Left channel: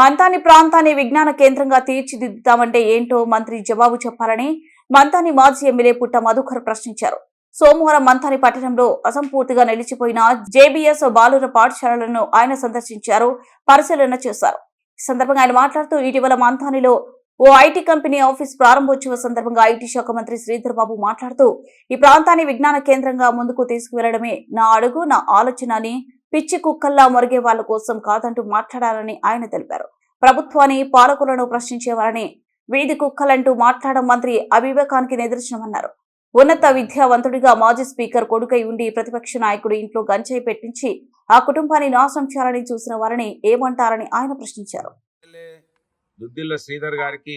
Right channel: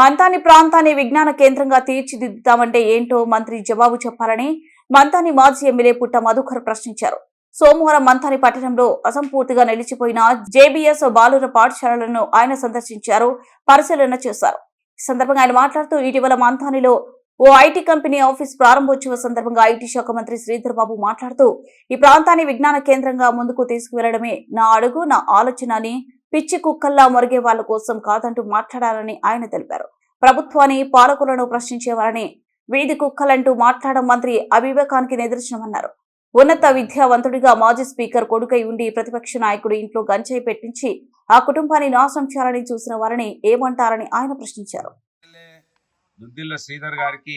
మంతాని ప్రాంతాన్ని విజ్ఞాన కేంద్రంగా తీర్చిదిద్దుతామంటే ఏంటో మంత్రి జవాబు చెప్పాలని మంతాని మాజీ ఎమ్మెల్యే పుట్ట మధుకర్ ప్రశ్నించారు సోమవారం మంతాని పట్టణంలో అసంపూర్తిగా నిలిచిపోయిన జేబీఎస్ బాలుర పాఠశాలలను ఆయన సందర్శించారు పరిశీలన చేశారు ఈ సందర్భంగా ఆయన మాట్లాడుతూ ఇటీవల మంతానిలో ఓ ఐటీ కంపెనీ ఆఫీస్ ప్రారంభోత్సవ సందర్భంగా ఐటీ శాఖ మంత్రి శ్రీధర్ బాబు మాట్లాడుతూ ఈ ప్రాంతాన్ని విజ్ఞాన కేంద్రంగా ముందుకు తీసుకువెళ్లడమే నా అడుగు నా ఆలోచన అని పిచ్చి కుక్కల్లా మొరిగే వాళ్ళ కోసం కాదంటూ మాట్లాడాలని ఆయన తెలిపారు ప్రభుత్వాన్ని పాలకులను ప్రశ్నించేవారని వీధి కుక్కలంటూ మాట్లాడడం మంత్రి అవివేకానికి నిదర్శనమన్నారు ఉన్నత విద్యావంతుడిగా మాజీ స్పీకర్ కొడుకై ఉండి ప్రతిపక్ష నాయకుడు ఇంట్లో గంజాయి పెట్టించి ఆ కుటుంబాన్ని నాశనం చేయాలని చూసిన వారిని ఏమంటారని ఆయన ప్రశ్నించారు శ్రీధర్ గారికి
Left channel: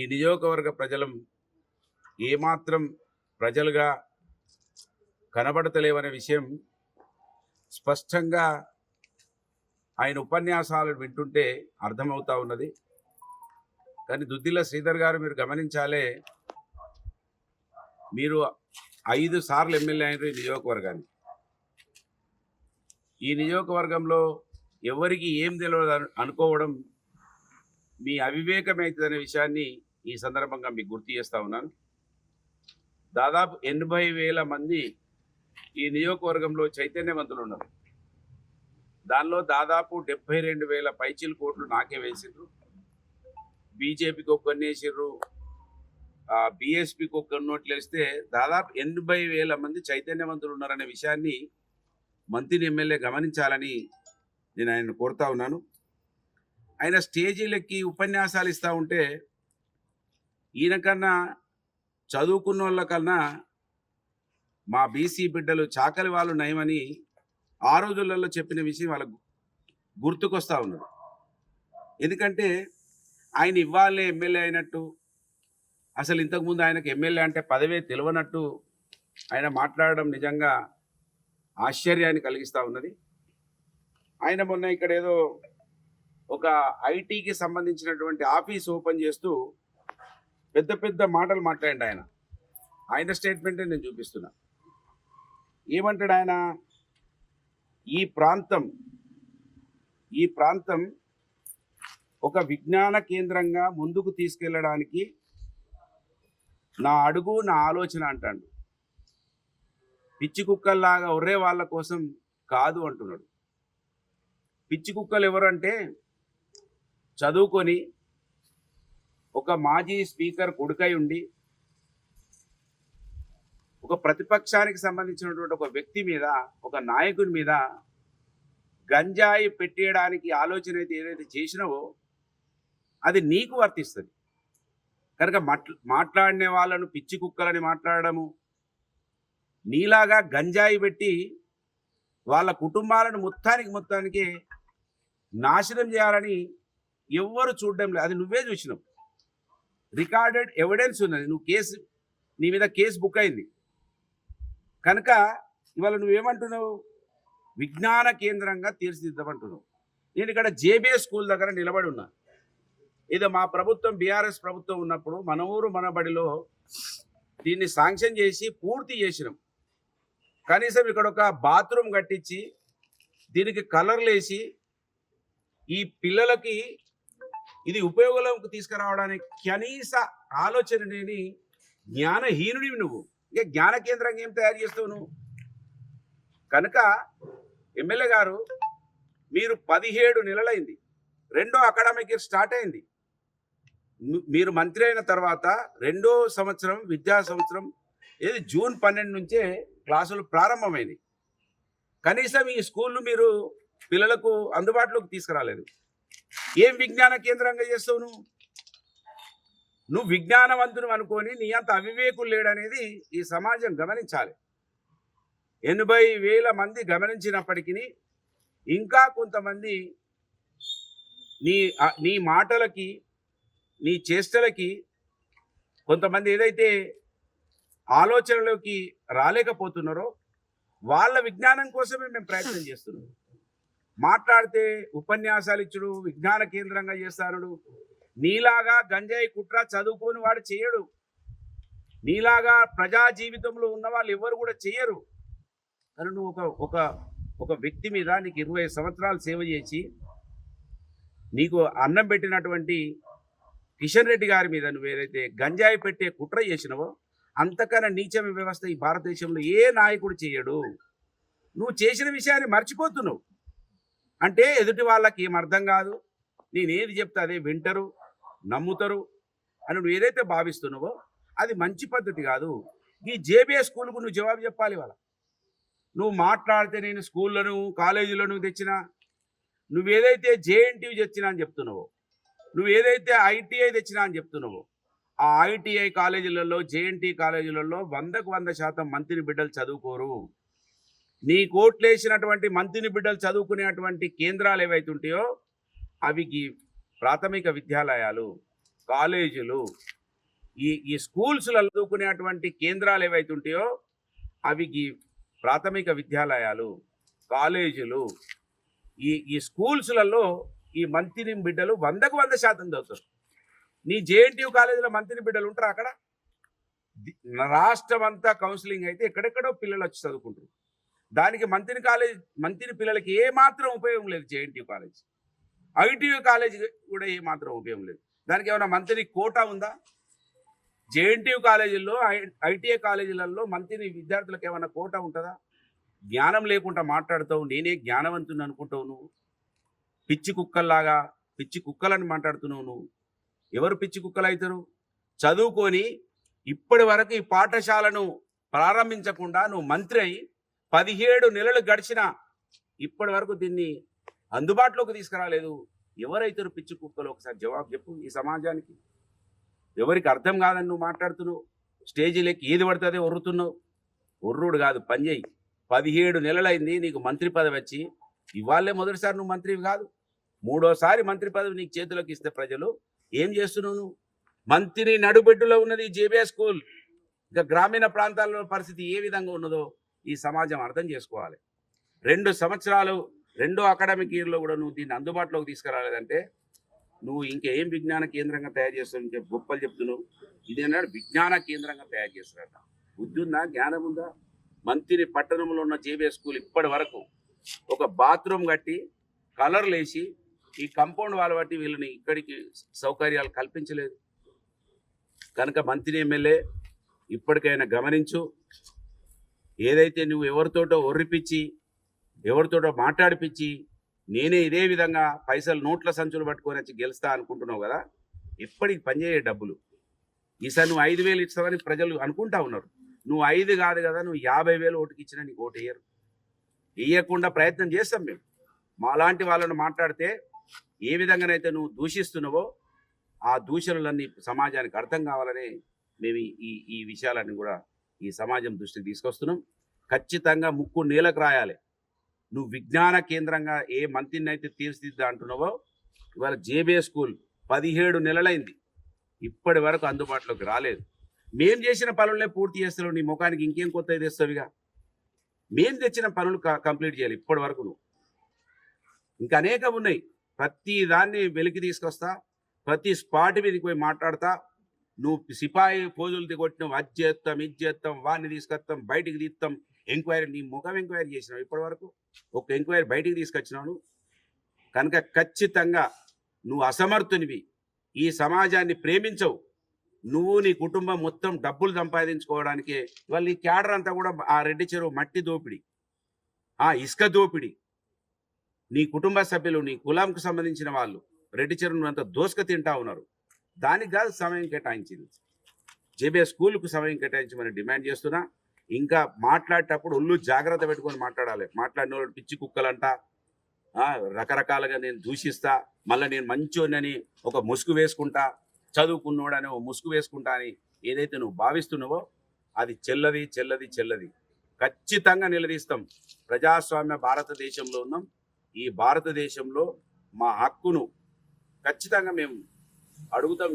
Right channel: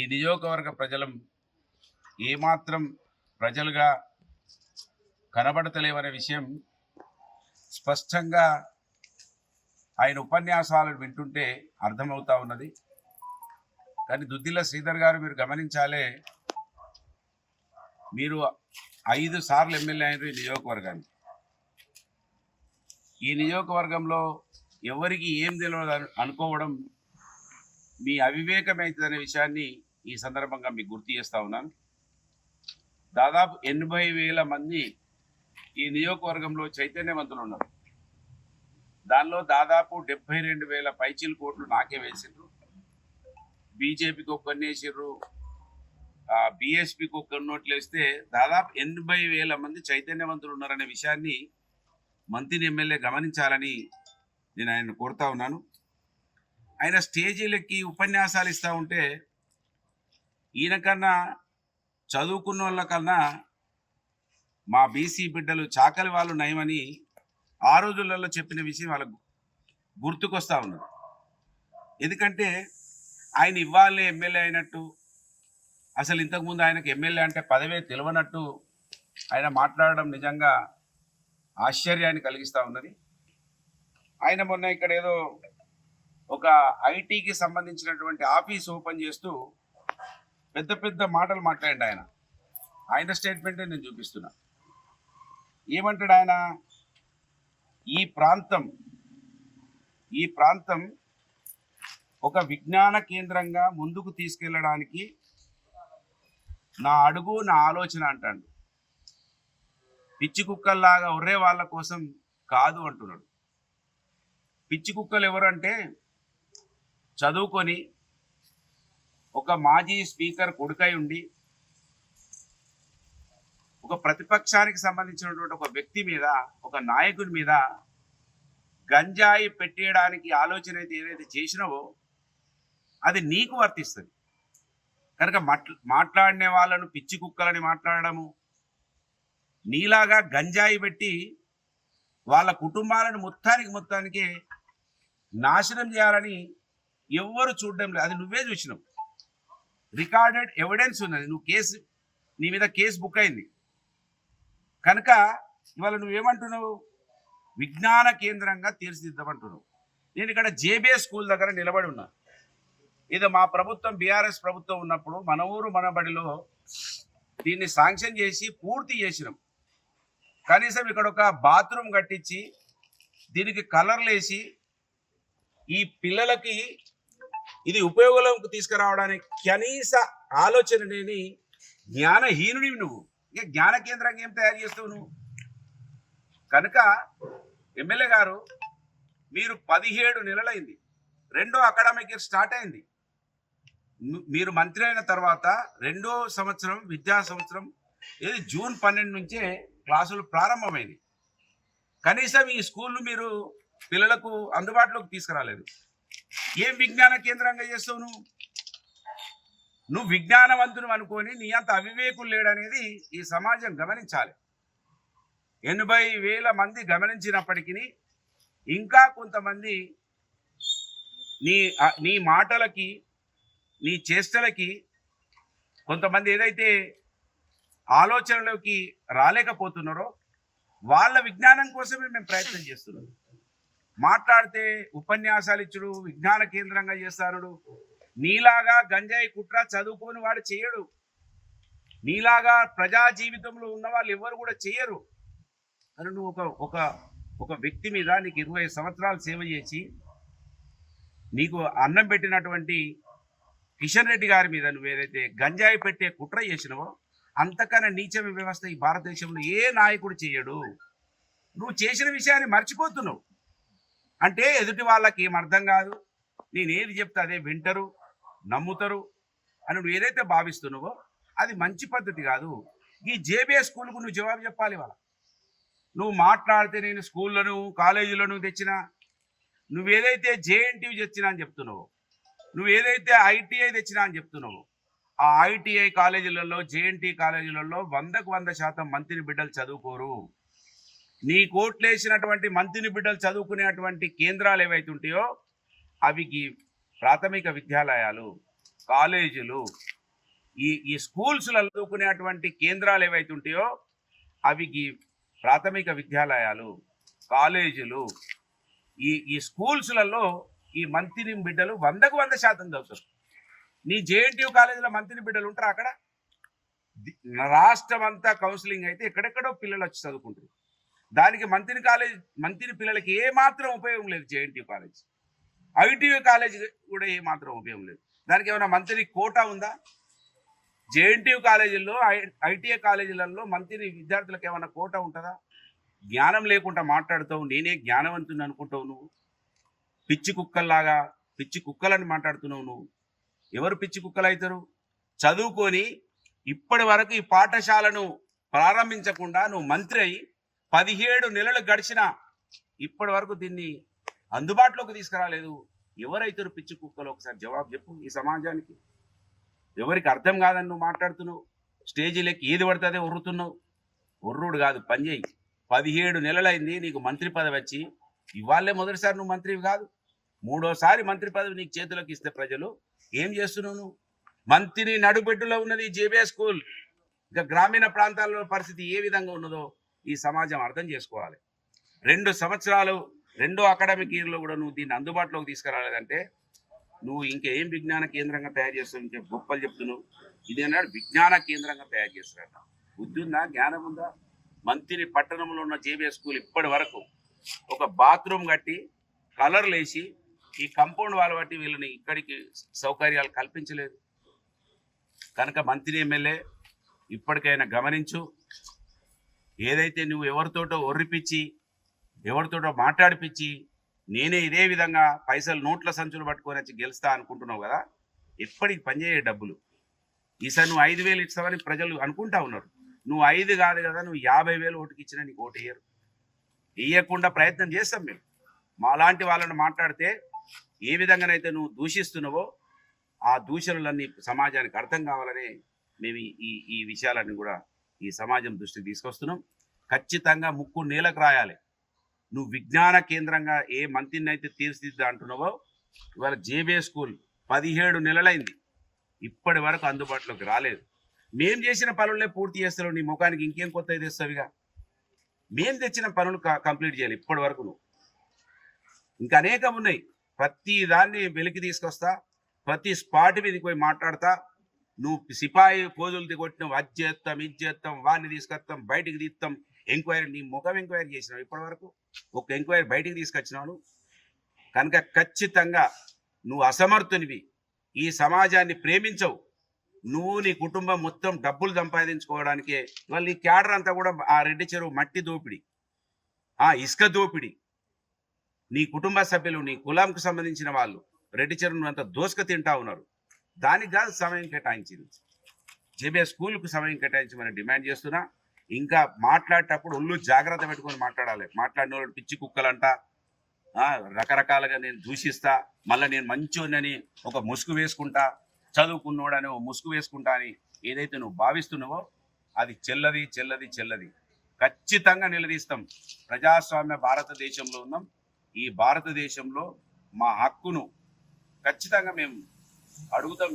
ఈ నియోజకవర్గ ప్రజలం ఏమాత్రం ప్రజలుగా కనబడతలేవనే విషయం స్పష్టంగా ఆయన ఉపన్యాసాలను వింటుంటే అర్థమవుతా ఉన్నది కానీ దుద్దిల్ల శ్రీధర్ గారు మీరు గమనించాలే మీరు ఐదు సార్లు ఎమ్మెల్యే అయినారు ఈ నియోజకవర్గాన్ని ఈ నియోజకవర్గంలో ఎవరికి ఏం తెలియదు అనుకోవడం మీ అవివేకమైతుందనే విషయాన్ని ఈ సందర్భంగా మీకు గుర్తు చేస్తూ ఉన్నాను దాదాపు ఎనభై వేల మంది ఈ నియోజకవర్గంలో చైతన్యవంతులు ఉన్నారు దానిలో దాదాపు డెబ్బై రెండు వేల పైచీల కోట్లు నాకే వేసిండ్రు బీజేపీకి ఒక వేసిర్రు బీఎస్పీకి ఒక నోట్లు వేస్తే దాదాపు ఎనభై వేల మంది చైతన్యవంతులు ఉన్నారనే విషయాన్ని మంత్రిని ఎమ్మెల్యే గమనించాలని నేను ఆయన కోరుతా ఉన్నాను ఆయన స్టేజీలకి ఉపన్యాసాలు ఇస్తూ ఉంటే ఈయనకన్నా చదువుకున్న వాళ్ళకన్నా మా బీసీ బిడ్డలు చాకలి వాళ్ళు నయమని ఆ రోజులలో చెప్పిన విషయం వాళ్ళకు గుర్తుకొస్తూ ఉన్నది ఎందుకంటే ఆయన ఇవ్వాలని ఎమ్మెల్యే అయినట్టు అసలు ఇంతకుముందు ఆయనకు ఎమ్మెల్యే అంటే పదవే తెలియనట్టు ఆయన మాట్లాడడం నిజంగా ఆశ్చర్యాన్ని కలిగిస్తూ ఉన్నది ఆయన మొన్న ఇక్కడ ఏదో ఒక ఐటీకి సంబంధించినటువంటి ఆఫీస్ ఓపెన్ చేస్తూ పెద్ద పెద్ద మాటలు మాట్లాడండి ఆయన ఆయన స్టేట్మెంటే నేను చూపిస్తున్నాను ఏమంటాడు ఆయన ఈ ప్రాంతం ఈ ప్రాంతం ఒక విజ్ఞాన కేంద్రంగా ముందుకు తీసుకెళ్ళడానికి నా అడుగు నా ఆలోచన అంటాడు పిచ్చి కుక్కల్లాగా ఒర్రే వాళ్ళ కోసం కాదు అంటున్నాడు పిచ్చి కుక్కలు ఎవరంటే చదువుకొని ఒక మాజీ స్పీకర్ కొడుకై ఉండి ఒక ప్రతిపక్షానికి సంబంధించినటువంటి ఒక వ్యక్తి మీద ఒక నాయకుడి మీద గంజాయి పెట్టేయడానికి ఆలోచన అయితే ఏదైతే చేసినావో అది నీకు వర్తిస్తుంది కనుక మాట్లాడిన వాళ్ళను పిచ్చి కుక్కలని మాట్లాడడము నీలాగా గంజాయి పెట్టి వాళ్ళ కుటుంబాలను మొత్తానికి మొత్తానికి నాశనం చేయాలని ఎవ్వరు చూడడం లేదు అది నువ్వే చూసినావు రికార్డెడ్ ఎవిడెన్స్ ఉన్నది నువ్వు కేసు నీ మీద కేసు బుక్ అయింది కనుక ఇవాళ నువ్వేమంటున్నావు విజ్ఞాన కేంద్రంగా తీర్చిదిద్దామంటున్నావు నేను ఇక్కడ జేబీఏ స్కూల్ దగ్గర నిలబడి ఉన్నా ఇది మా ప్రభుత్వం బీఆర్ఎస్ ప్రభుత్వం ఉన్నప్పుడు మన ఊరు మనబడిలో దీన్ని శాంక్షన్ చేసి పూర్తి చేసినాం కనీసం ఇక్కడ ఒక బాత్రూమ్ కట్టించి దీనికి కలర్లు వేసి ఈ పిల్లలకి ఇది ఉపయోగంలోకి తీసుకురావడానికి కనీస ఆలోచన లేని జ్ఞానహీనుడివి నువ్వు ఇక జ్ఞాన కేంద్రంగా ఏం తయారు చేస్తావు నువ్వు కనుక ఎమ్మెల్యే గారు మీరు పదిహేడు నెలలైంది రెండో అకాడమిక్ ఇయర్ స్టార్ట్ అయింది మీరు మంత్రి అయిన తర్వాత రెండో సంవత్సరం విద్యా సంవత్సరం ఇది జూన్ పన్నెండు నుంచే క్లాసులు ప్రారంభమైంది కనీసం ఈ స్కూల్ను మీరు పిల్లలకు అందుబాటులోకి తీసుకురాలేదు ఏం విజ్ఞాన కేంద్రంగా చేస్తావు నువ్వు నువ్వు విజ్ఞానవంతుడు అనుకొని నీ అంత అవివేకులు లేడనేది ఈ సమాజం గమనించాలి ఎనభై వేల మంది గమనించినప్పటికీ ఇంకా కొంతమంది నీ నీ మాటలకి నీ చేష్టలకి కొంతమంది ఏదైతే ఆలోచనలోకి రాలేకపోతున్నారో వాళ్ళ విజ్ఞానం కోసమే మేము ప్రయత్నం చేస్తున్నాం మాట్లాడితే ఉపన్యాసాలు ఇచ్చుడు విజ్ఞాన కేంద్రంగా చేస్తానుడు నీలాగా గంజాయి కుట్ర చదువుకోని వాడు చేయడు నీలాగా ప్రజా జీవితంలో ఉన్న వాళ్ళు ఎవరు కూడా చేయరు కానీ నువ్వు ఒక ఒక ఒక వ్యక్తి మీద నీకు ఇరవై సంవత్సరాలు సేవ చేసి నీకు అన్నం పెట్టినటువంటి కిషన్ రెడ్డి గారి మీద నువ్వు ఏదైతే గంజాయి పెట్టే కుట్ర చేసినవో అంతకన్నా నీచమ వ్యవస్థ ఈ భారతదేశంలో ఏ నాయకుడు చేయడు నువ్వు చేసిన విషయాన్ని మర్చిపోతున్నావు అంటే ఎదుటి వాళ్ళకి ఏం అర్థం కాదు నేనేది చెప్తే అదే వింటరు నమ్ముతారు అని నువ్వు ఏదైతే భావిస్తున్నావో అది మంచి పద్ధతి కాదు ఈ జేబీఏ స్కూల్కు నువ్వు జవాబు చెప్పాలి వాళ్ళ నువ్వు మాట్లాడితే నేను స్కూళ్ళను కాలేజీలను తెచ్చిన నువ్వేదైతే జేఎన్టీయూ తెచ్చినా అని చెప్తున్నావో నువ్వు ఏదైతే ఐటీఐ తెచ్చినా అని చెప్తున్నావో ఆ ఐటీఐ కాలేజీలలో జేఎన్టీ కాలేజీలలో వందకు వంద శాతం మంత్రిని బిడ్డలు చదువుకోరు నీ కోట్లేసినటువంటి మంత్రిని బిడ్డలు చదువుకునేటువంటి కేంద్రాలు ఏవైతే ఉంటాయో అవి ప్రాథమిక విద్యాలయాలు కాలేజీలు ఈ ఈ స్కూల్స్లో చదువుకునేటువంటి కేంద్రాలు ఏవైతే ఉంటాయో అవి ఈ ప్రాథమిక విద్యాలయాలు కాలేజీలు ఈ ఈ స్కూల్స్లలో ఈ మంత్రి బిడ్డలు వందకు వంద శాతం చదువుతారు నీ జేఎన్టీయూ కాలేజీలో మంత్రి బిడ్డలు ఉంటారు అక్కడ రాష్ట్రం అంతా కౌన్సిలింగ్ అయితే ఎక్కడెక్కడో పిల్లలు వచ్చి చదువుకుంటారు దానికి మంత్రి కాలేజ్ మంత్రి పిల్లలకి ఏమాత్రం ఉపయోగం లేదు జేఎన్టీయూ కాలేజ్ ఐటీయూ కాలేజ్ కూడా ఏ మాత్రం ఉపయోగం లేదు దానికి ఏమైనా మంత్రి కోటా ఉందా జేఎన్టీయూ కాలేజీల్లో ఐటీఐ కాలేజీలలో మంత్రి విద్యార్థులకు ఏమైనా కోటా ఉంటుందా జ్ఞానం లేకుండా మాట్లాడుతావు నేనే జ్ఞానవంతుని అనుకుంటావు నువ్వు పిచ్చి కుక్కల్లాగా పిచ్చి కుక్కలని మాట్లాడుతున్నావు నువ్వు ఎవరు పిచ్చి కుక్కలు అవుతారు చదువుకొని ఇప్పటి వరకు ఈ పాఠశాలను ప్రారంభించకుండా నువ్వు మంత్రి అయి పదిహేడు నెలలు గడిచిన ఇప్పటి వరకు దీన్ని అందుబాటులోకి తీసుకురాలేదు ఎవరైతే పిచ్చి కుక్కలు ఒకసారి జవాబు చెప్పు ఈ సమాజానికి ఎవరికి అర్థం కాదని నువ్వు మాట్లాడుతున్నావు స్టేజీలకి ఏది పడుతుందే ఒర్రుతున్నావు ఒర్రుడు కాదు పని చేయి పదిహేడు నెలలైంది నీకు మంత్రి పదవి వచ్చి ఇవాళే మొదటిసారి నువ్వు మంత్రివి కాదు మూడోసారి మంత్రి పదవి నీకు చేతులకు ఇస్తే ప్రజలు ఏం చేస్తున్నావు నువ్వు మంత్రిని నడుబెడ్డులో ఉన్నది జేబీఎస్ స్కూల్ ఇంకా గ్రామీణ ప్రాంతాల్లో పరిస్థితి ఏ విధంగా ఉన్నదో ఈ సమాజం అర్థం చేసుకోవాలి రెండు సంవత్సరాలు రెండో అకాడమిక్ ఇయర్లో కూడా నువ్వు దీన్ని అందుబాటులోకి తీసుకురాలేదంటే నువ్వు ఇంకేం విజ్ఞాన కేంద్రంగా తయారు చేస్తావు ఇంకే గొప్పలు చెప్తున్నావు ఇది అన్నాడు విజ్ఞాన కేంద్రంగా తయారు చేస్తారట బుద్ధి ఉందా జ్ఞానం ఉందా మంత్రి పట్టణంలో ఉన్న జేబీఎస్ స్కూల్ ఇప్పటి వరకు ఒక బాత్రూమ్ కట్టి కలర్లు వేసి ఈ కంపౌండ్ వాళ్ళ బట్టి వీళ్ళని ఇక్కడికి సౌకర్యాలు కల్పించలేదు కనుక మంత్రి ఎమ్మెల్యే ఇప్పటికైనా గమనించు ఏదైతే నువ్వు ఎవరితోటో ఒర్రిపించి ఎవరితోటో మాట్లాడిపించి నేనే ఇదే విధంగా పైసలు నోట్ల సంచులు పట్టుకొని వచ్చి గెలుస్తా అనుకుంటున్నావు కదా ఎప్పటికి పనిచేయే డబ్బులు ఈసారి నువ్వు ఐదు వేలు ఇస్తావని ప్రజలు అనుకుంటా ఉన్నారు నువ్వు ఐదు కాదు కదా నువ్వు యాభై వేలు ఓటుకు ఇచ్చినా నీకు ఓటు వేయరు వేయకుండా ప్రయత్నం చేస్తాం మేము మాలాంటి వాళ్ళని మాట్లాడితే ఏ విధంగానైతే నువ్వు దూషిస్తున్నావో ఆ దూషణలన్నీ సమాజానికి అర్థం కావాలని మేము ఈ ఈ విషయాలన్నీ కూడా ఈ సమాజం దృష్టికి తీసుకొస్తున్నాం ఖచ్చితంగా ముక్కు నీలకు రాయాలి నువ్వు విజ్ఞాన కేంద్రంగా ఏ మంత్రిని అయితే తీర్చిదిద్దా అంటున్నావో ఇవాళ జేబీఏ స్కూల్ పదిహేడు నెలలైంది ఇప్పటి వరకు అందుబాటులోకి రాలేదు మేం చేసిన పనులనే పూర్తి చేస్తున్నావు నీ ముఖానికి ఇంకేం కొత్త తెస్తావుగా మేం తెచ్చిన పనులు కంప్లీట్ చేయాలి ఇప్పటి వరకు నువ్వు ఇంకా అనేకం ఉన్నాయి ప్రతి దాన్ని వెలికి తీసుకొస్తా ప్రతి స్పాట్ మీదకి పోయి మాట్లాడతా నువ్వు సిపాయి పోజులు దిగొట్టినావు అది చేస్తాం ఇది చేస్తాం వాడిని తీసుకొస్తాం బయటికి తీస్తాం ఎంక్వైరీ నీ ముఖం ఎంక్వైరీ చేసినావు ఇప్పటి వరకు ఒక ఎంక్వైరీ బయటికి తీసుకొచ్చినావు కనుక ఖచ్చితంగా నువ్వు అసమర్థునివి ఈ సమాజాన్ని ప్రేమించవు నువ్వు నీ కుటుంబం మొత్తం డబ్బులు సంపాదించుకోవడానికి వాళ్ళు ఈ క్యాడర్ అంతా కూడా ఆ రెడ్డి చెరువు మట్టి దోపిడి ఆ ఇసుక దోపిడి నీ కుటుంబ సభ్యులు నీ కులంకు సంబంధించిన వాళ్ళు రెడ్డి చెరువు అంత దోసుక తింటా ఉన్నారు దానికి కాదు సమయం కేటాయించింది జేబే స్కూల్కు సమయం కేటాయించమని డిమాండ్ చేస్తున్నా ఇంకా మాట్లాడేటప్పుడు ఒళ్ళు జాగ్రత్త పెట్టుకొని మాట్లాడాలి మాట్లాడిన వాళ్ళు పిచ్చి కుక్కలంట రకరకాలుగా నేను దూషిస్తా మళ్ళీ నేను మంచోనని ఒక ముసుగు వేసుకుంటా చదువుకున్నోడని ఓ ముసుగు వేసుకుంటా అని ఏదైతే నువ్వు భావిస్తున్నావో అది చెల్లది చెల్లది చెల్లది ఖచ్చితంగా నిలదీస్తాం ప్రజాస్వామ్య భారతదేశంలో ఉన్నాం ఈ భారతదేశంలో మా హక్కును ఖచ్చితంగా మేము అడుగుతాం